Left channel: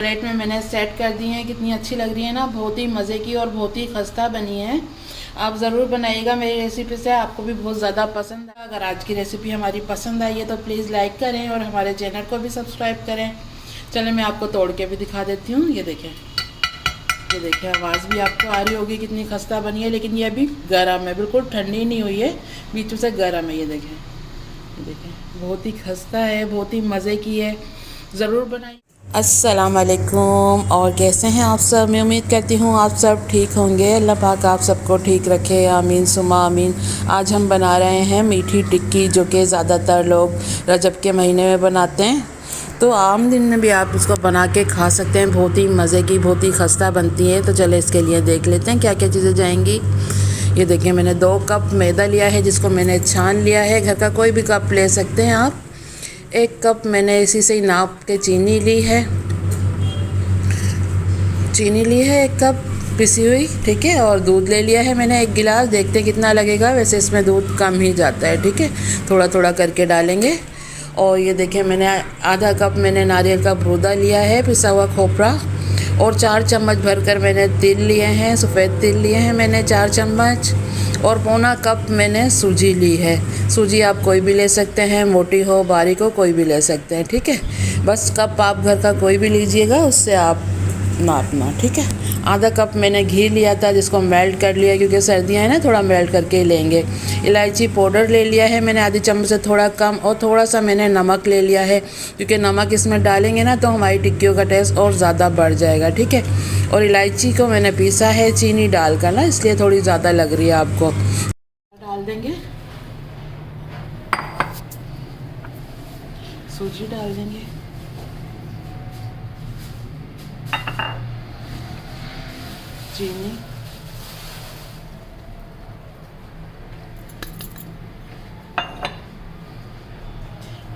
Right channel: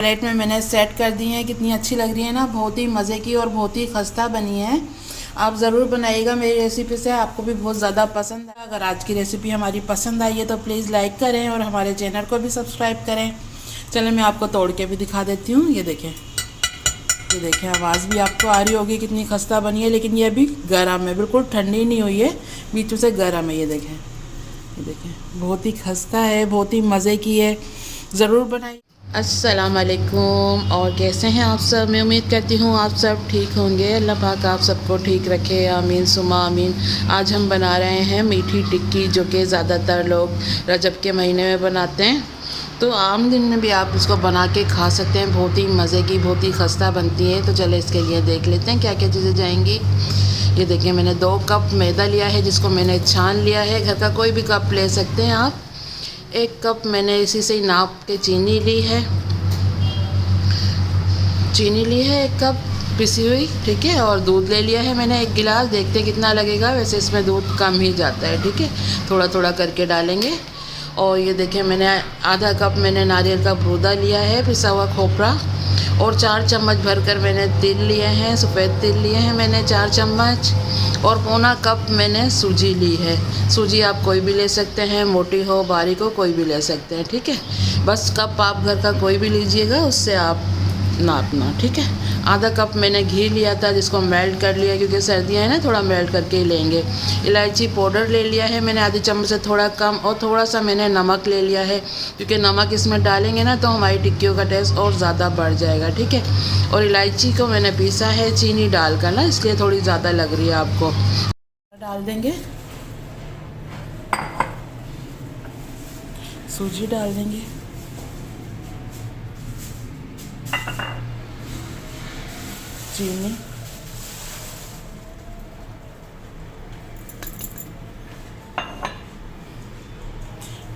Plate में मैंने set कर दी है। कितनी अच्छी लग रही है ना, बहुत ही मज़े की और बहुत ही खस्ता बनी है। आप ज़रूर बनाइएगा मेरी रेसिपी से, आपको भी बहुत ज़्यादा पसंद है। अगर आज की रेसिपी हमारी पसंद आई है तो प्लीज़ लाइक करें और हमारे चैनल को भी सब्सक्राइब करें। चलें मैं आपको तोड़ के भी दिखा देती हूँ। ये देखें आवाज़ भी आपको आ रही होगी कितनी खस्ता बनी है, लेकिन ये अभी गर्म है, बिल्कुल ठंडी नहीं हुई है, बीचों से गर्म है। ये देखें बहुत ही खस्ता है, बहुत ही मज़े की है, ज़रूर बनाइए। अस्सलाम वालेकुम, और कैसे हैं आप सब। मैं उम्मीद करती हूँ आप सब ठीक होंगे। अल्लाह पाक आप सबको ठीक रखे, आमीन सुमा आमीन। आज हम बना रहे हैं मीठी टिक्की, जो कि ज़्यादातर लोग रजब के महीने में बनाते हैं, तो आम दिन में भी आप इसको बना के खा सकते हैं। बहुत ही मज़े की, बहुत ही खस्ता बनती है। तो चले इसके लिए देख लेते हैं क्या क्या चीज़ें जाएंगी। ये देखिए मैंने 2 कप मैदा लिया है, जिसको मैंने छान लिया है। घर का कोई भी कप ले सकते हैं आप। 1 कप मैंने इसी से ही नाप के चीनी ली है। 1 कप पिसी हुई, ठीक है। और दूध ले लिया है मैंने 1 गिलास। देखते हैं कितना लगेगा, वैसे इसमें दूध कम ही जाता है, ठीक है। थोड़ा थोड़ा करके डालेंगे। और ये देखें मैंने आधा कप मैंने नारियल का बूदा लिया है, पिसा हुआ खोपरा। और 4 चम्मच भरकर मैंने तिल लिए हैं, सफ़ेद तिल लिए हैं मैंने 4 चम्मच। और पौना कप मैंने सूजी ली है। सूजी आप कोई भी ले सकते हैं, मोटी हो बारीक हो कोई भी ले सकते हैं, ठीक है। बस कप आप घर का कोई भी लीजिएगा, उससे आप नापना, ठीक है। आधा कप मैंने घी लिया था, जिसको मेल्ट कर लिया, क्योंकि सर्दियाँ हैं ना, थोड़ा मेल्ट करके ही लेंगे। इलायची पाउडर ले लिया है मैंने आधी चम्मच से थोड़ा कम। और थोड़ा सा मैंने नमक ले लिया है, क्योंकि नमक इसमें डालेंगे ना तो हमारी टिक्कियों का टेस्ट और ज़्यादा बढ़ जाएगा, ठीक है। और इलायची को मैंने पीसा है चीनी डालकर ना, इसलिए थोड़ी ज़्यादा लग रही है आपको। डाल देंगे, सूजी डाल देंगे, चीनी,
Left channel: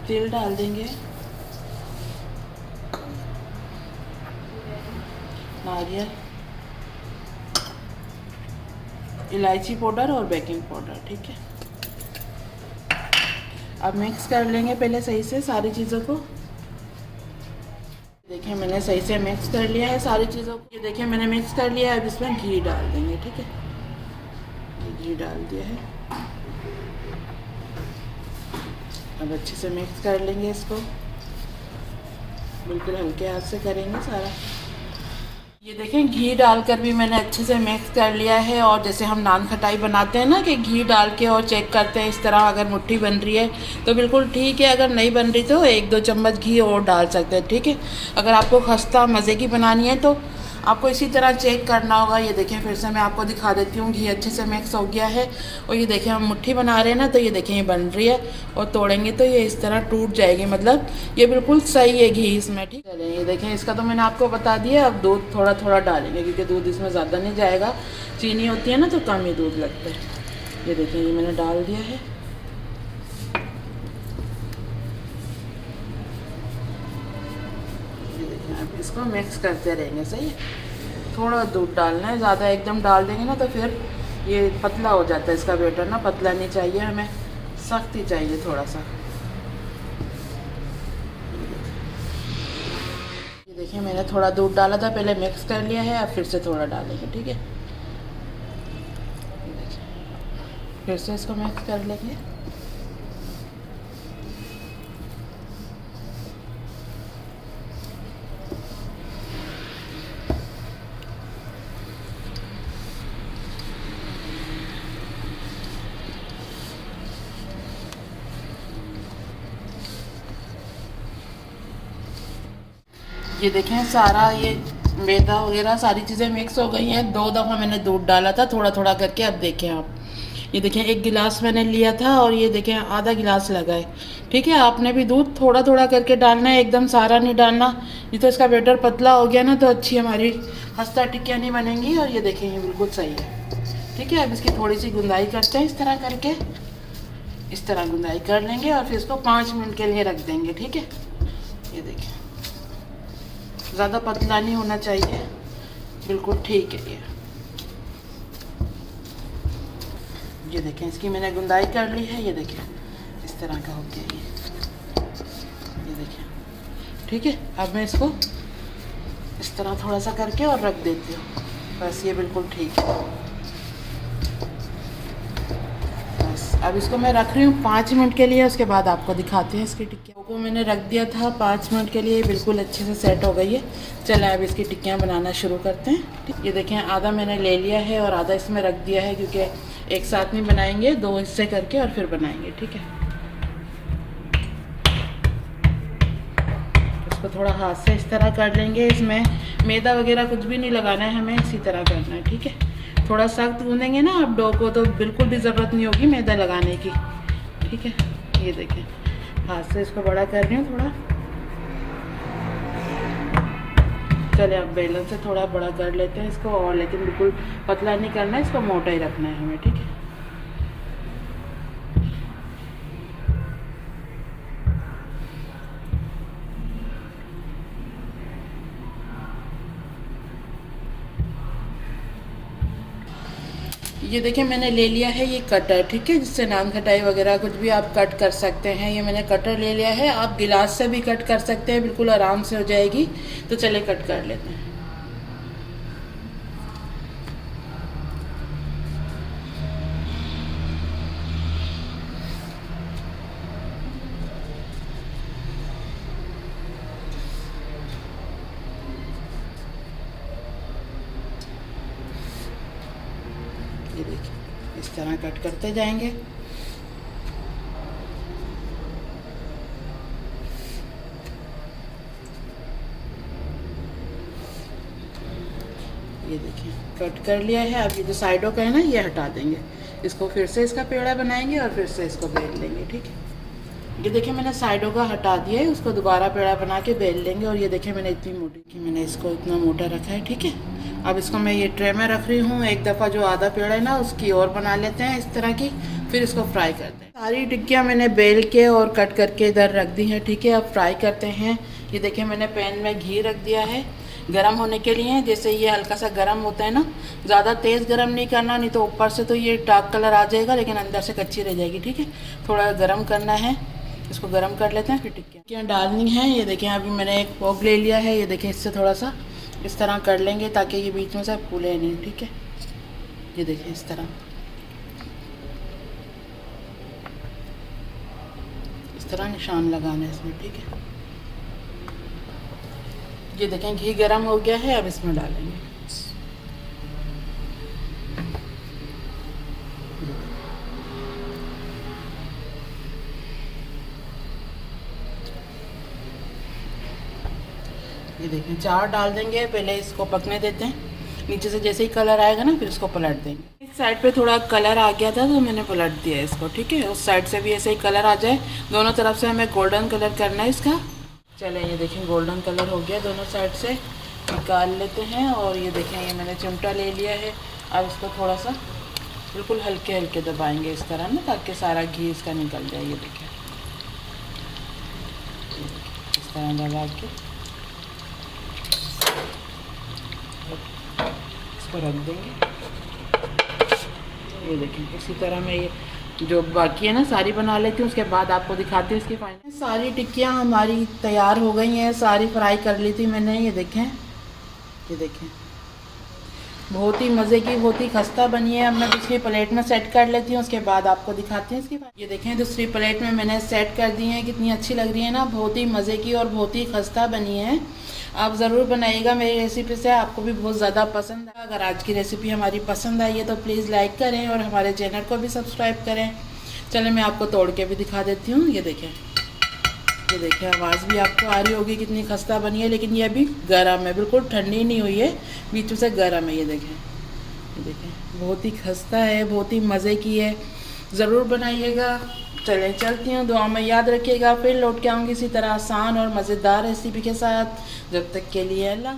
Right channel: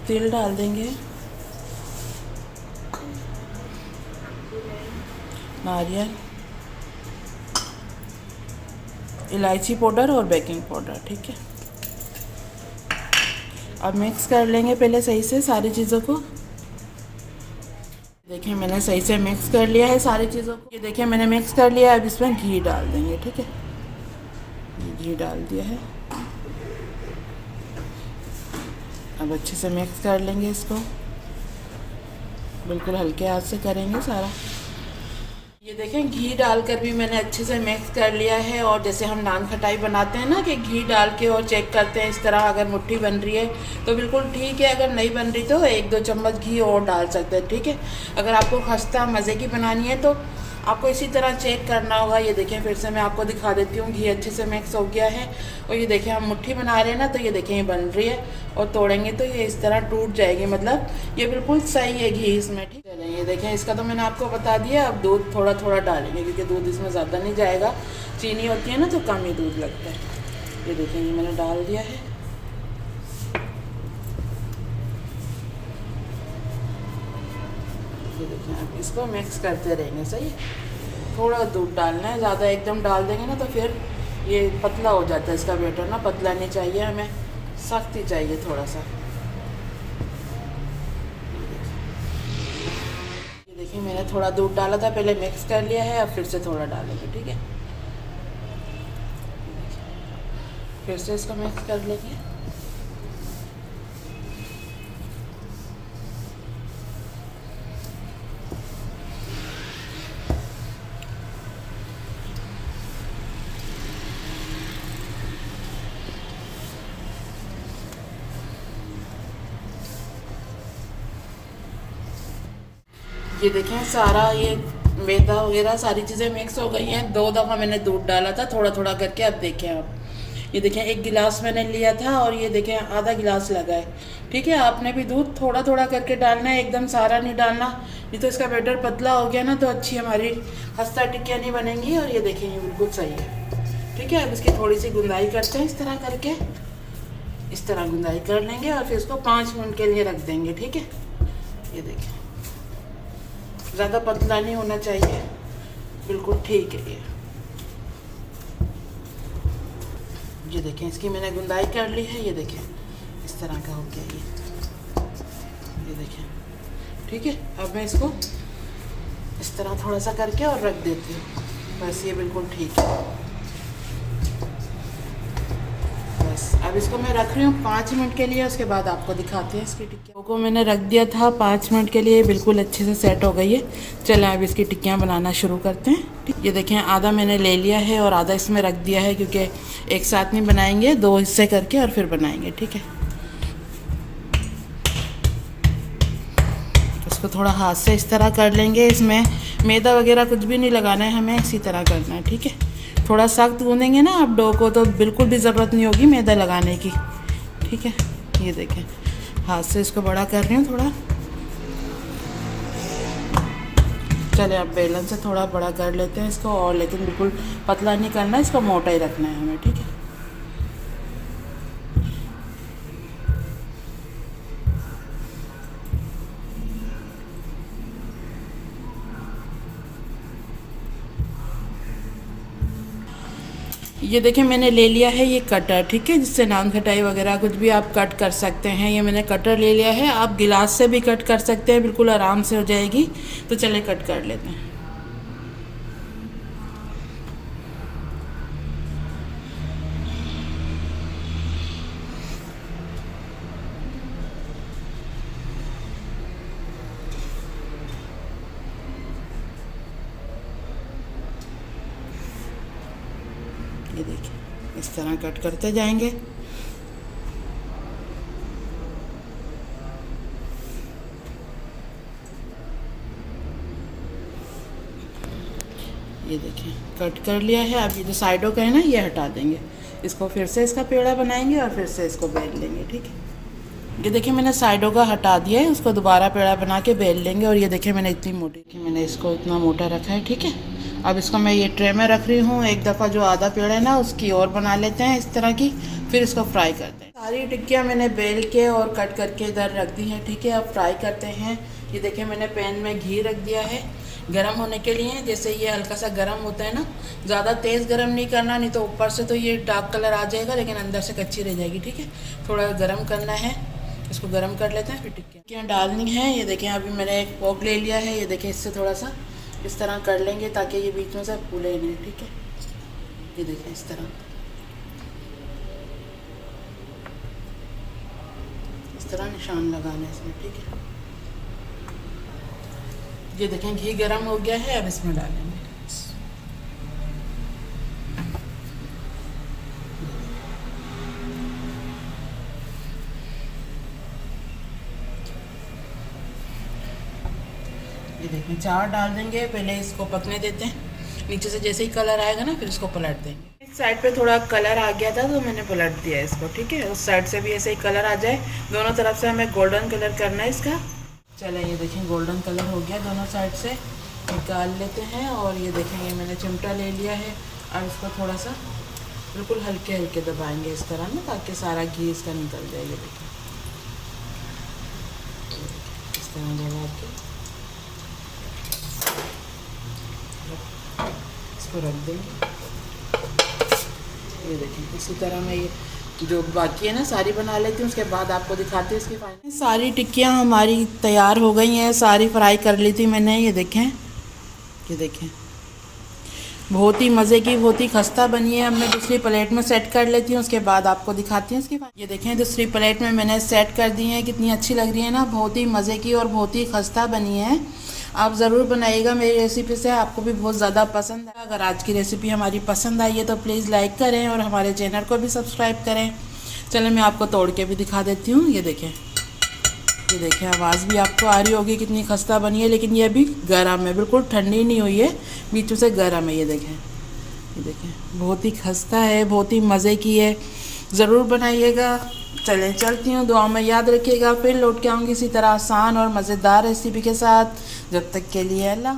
तिल डाल देंगे, नारियल, इलायची पाउडर और बेकिंग पाउडर, ठीक है। अब मिक्स कर लेंगे पहले सही से सारी चीज़ों को। देखिए मैंने सही से मिक्स कर लिया है सारी चीज़ों को। ये देखिए मैंने मिक्स कर लिया है। अब इसमें घी डाल देंगे, ठीक है। घी डाल दिया है। अब अच्छे से मिक्स कर लेंगे इसको, बिल्कुल हल्के हाथ से करेंगे सारा। ये देखें घी डालकर भी मैंने अच्छे से मिक्स कर लिया है। और जैसे हम नान खटाई बनाते हैं ना, कि घी डाल के और चेक करते हैं इस तरह, अगर मुट्ठी बन रही है तो बिल्कुल ठीक है, अगर नहीं बन रही तो 1-2 चम्मच घी और डाल सकते हैं, ठीक है। अगर आपको खस्ता मज़े की बनानी है तो आपको इसी तरह चेक करना होगा। ये देखें फिर से मैं आपको दिखा देती हूँ, घी अच्छे से मिक्स हो गया है। और ये देखें हम मुट्ठी बना रहे हैं ना, तो ये देखें ये बन रही है, और तोड़ेंगे तो ये इस तरह टूट जाएगी, मतलब ये बिल्कुल सही है घी इसमें, ठीक है। ये देखें इसका तो मैंने आपको बता दिया। अब दूध थोड़ा थोड़ा डालेंगे, क्योंकि दूध इसमें ज़्यादा नहीं जाएगा। चीनी होती है ना तो कम ही दूध लगता है। ये देखें ये मैंने डाल दिया है। ये देखें अब इसको मिक्स करते रहेंगे, सही है। थोड़ा दूध डालना है, ज़्यादा एकदम डाल देंगे ना तो फिर ये पतला हो जाता है इसका बैटर ना। पतला नहीं चाहिए हमें, सख्त ही चाहिए थोड़ा सा। ये देखिए मैंने थोड़ा दूध डाला था, पहले मिक्स कर लिया है, अब फिर से थोड़ा डालेंगे, ठीक है। फिर से इसको मिक्स कर लेंगे। ये देखें सारा ये मैदा वगैरह सारी चीज़ें मिक्स हो गई हैं। 2 दफ़ा मैंने दूध डाला था थोड़ा थोड़ा करके। अब देखें आप, ये देखें 1 गिलास मैंने लिया था और ये देखें आधा गिलास लगा है, ठीक है। आपने भी दूध थोड़ा थोड़ा करके डालना है, एकदम सारा नहीं डालना, नहीं तो इसका बैटर पतला हो गया ना तो अच्छी हमारी खस्ता टिक्कियाँ नहीं बनेंगी। और ये देखें ये बिल्कुल सही है, ठीक है। अब इसकी थोड़ी सी गुंदाई करते हैं, इस तरह करके, इस तरह गुंदाई कर लेंगे और फिर इसको 5 मिनट के लिए रख देंगे, ठीक है। ये देखिए ज़्यादा पतला नहीं होना चाहिए, बिल्कुल ठीक है ये देखें इसकी मैंने गुंदाई कर ली है। ये देखें इस तरह का हो गया ये देखें, ठीक है। अब मैं इसको इस तरह थोड़ा सा करके और रख देती हूँ। बस ये बिल्कुल ठीक है। बस अब इसको मैं रख रही हूँ 5 मिनट के लिए, उसके बाद आपको दिखाते हैं इसकी टिक्कियों को। मैंने रख दिया था 5 मिनट के लिए, बिल्कुल अच्छे से सेट हो गई है। चलें अब इसकी टिक्कियाँ बनाना शुरू करते हैं। ये देखें आधा मैंने ले लिया है और आधा इसमें रख दिया है, क्योंकि एक साथ नहीं बनाएंगे, 2 हिस्से करके और फिर बनाएंगे, ठीक है। इसको थोड़ा हाथ से इस तरह कर लेंगे। इसमें मैदा वगैरह कुछ भी नहीं लगाना है हमें, इसी तरह करना है, ठीक है। थोड़ा सख्त गूंदेंगे ना आप डो को तो बिल्कुल भी ज़रूरत नहीं होगी मैदा लगाने की, ठीक है। ये देखें हाथ से इसको बड़ा कर रही हूँ थोड़ा। चले अब बेलन से थोड़ा बड़ा कर लेते हैं इसको, और लेकिन बिल्कुल पतला नहीं करना है, इसको मोटा ही रखना है हमें, ठीक है। ये देखिए मैंने ले लिया है ये कटर, ठीक है, जिससे नान खटाई वगैरह कुछ भी आप कट कर सकते हैं। ये मैंने कटर ले लिया है, आप गिलास से भी कट कर सकते हैं, बिल्कुल आराम से हो जाएगी। तो चले कट कर लेते हैं। ये देखिए इस तरह कट करते जाएंगे। ये देखिए कट कर लिया है। अब ये जो साइडों का है ना ये हटा देंगे, इसको फिर से इसका पेड़ा बनाएंगे और फिर से इसको बेल लेंगे, ठीक है। ये देखिए मैंने साइडों का हटा दिया है, उसको दोबारा पेड़ा बना के बेल लेंगे। और ये देखिए मैंने इतनी मोटी की, मैंने इसको इतना मोटा रखा है, ठीक है। अब इसको मैं ये ट्रे में रख रही हूँ। एक दफ़ा जो आधा पेड़ा है ना उसकी और बना लेते हैं इस तरह की, फिर इसको फ्राई करते हैं। सारी टिक्कियाँ मैंने बेल के और कट करके इधर रख दी है, ठीक है। अब फ्राई करते हैं। ये देखिए मैंने पैन में घी रख दिया है गरम होने के लिए। जैसे ये हल्का सा गरम होता है ना, ज़्यादा तेज़ गरम नहीं करना, नहीं तो ऊपर से तो ये डार्क कलर आ जाएगा लेकिन अंदर से कच्ची रह जाएगी, ठीक है। थोड़ा गरम करना है, इसको गरम कर लेते हैं, फिर टिक्कियाँ डालनी है। ये देखें अभी मैंने एक फोक ले लिया है, ये देखें इससे थोड़ा सा इस तरह कर लेंगे ताकि ये बीच में से फूले नहीं, ठीक है। ये देखें इस तरह, इस तरह निशान लगाना है इसमें, ठीक है। ये देखें घी गरम हो गया है, अब इसमें डालेंगे। ये देखें 4 डाल देंगे। पहले इसको पकने देते हैं, नीचे से जैसे ही कलर आएगा ना फिर इसको पलट देंगे। इस साइड पे थोड़ा कलर आ गया था तो मैंने पलट दिया इसको, ठीक है। उस साइड से भी ऐसे ही कलर आ जाए, दोनों तरफ से हमें गोल्डन कलर करना है इसका। चले ये देखें गोल्डन कलर हो गया, दोनों साइड से निकाल लेते हैं। और ये देखें ये मैंने चिमटा ले लिया है। अब इसको थोड़ा सा बिल्कुल हल्के हल्के दबाएंगे इस तरह ना, ताकि सारा घी इसका निकल जाए। ये देखें इस तरह दबा के इसको रख देंगे। ये देखें इसी तरह मैं ये जो बाकी है ना सारी बना लेती हूँ, उसके बाद आपको दिखाती हूँ इसकी फाइनल। सारी टिक्कियाँ हमारी तैयार हो गई हैं, सारी फ्राई कर ली थी मैंने। ये देखें, ये देखें बहुत ही मज़े की, बहुत ही खस्ता बनी है। अब मैं दूसरी प्लेट में सेट कर लेती हूँ, उसके बाद आपको दिखाती हूँ इसकी। ये देखें दूसरी प्लेट में मैंने सेट कर दी है, कितनी अच्छी लग रही है ना, बहुत ही मज़े की और बहुत ही खस्ता बनी है। आप ज़रूर बनाइएगा मेरी रेसिपी से, आपको भी बहुत ज़्यादा पसंद है। अगर आज की रेसिपी हमारी पसंद आई है तो प्लीज़ लाइक करें और हमारे चैनल को भी सब्सक्राइब करें। चलो मैं आपको तोड़ के भी दिखा देती हूँ। ये देखें, ये देखें आवाज़ भी आपको आ रही होगी कितनी खस्ता बनी है, लेकिन ये अभी गर्म है, बिल्कुल ठंडी नहीं हुई है, बीचों से गर्म है। ये देखें बहुत ही खस्ता है, बहुत ही मज़े की है, ज़रूर बनाइएगा। चलें चलती हूँ, दुआ में याद रखिएगा, फिर लौट के आऊँगी इसी तरह आसान और मज़ेदार रेसिपी के साथ। जब तक के लिए अल्लाह।